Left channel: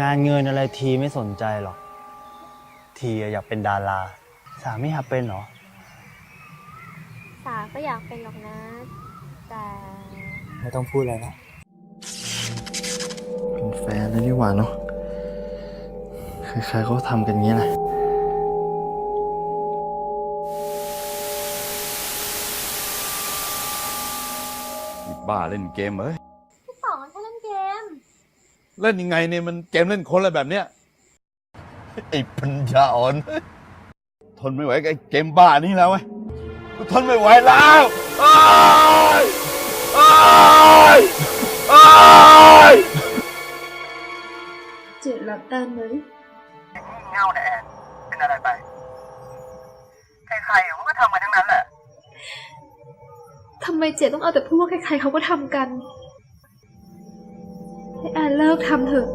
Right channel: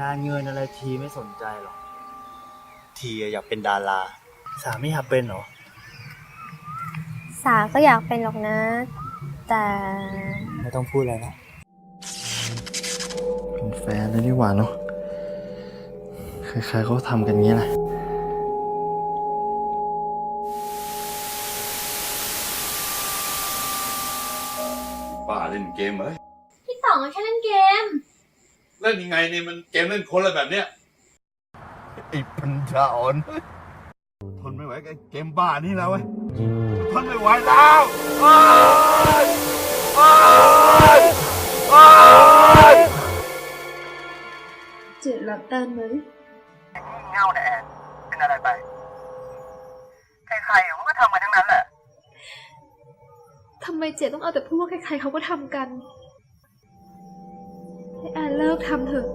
งานเงินอะไรทีไม่สนใจหรอก ทีอยากเป็นดารา สาไม่อยากเป็นเหรอ สาก็อยากเป็นหรอกนะ แต่ไม่ต้องพูดอะไรนะ เป็นแฟนแล้วนี่หว่าเนาะใครๆเขาทำกันงี้แหละ บ้าเล่นเกมเอ้ย พี่สองแค่เล่นเกม เล่นยังไงเนี่ยมันเกมเล่นคนอะไรแบบเนี้ยไอ้ปัญญาอ่อน ทนไม่ไหวกับไอ้เกมบ้านี่แล้วเว้ยทนไม่ไหวแล้วอ้ายอ้ายอ้ายเจ็ดรับได้ไหมเง่าเนี่ยแอนเป็นอะไรไป ใครๆเขาก็ทำกันทั้งนั้นแหละ ทำไมเจ็ดต้องเอาแต่พูดว่าใครๆเขาก็ทำกัน ให้แอนเลิกทำเถอะ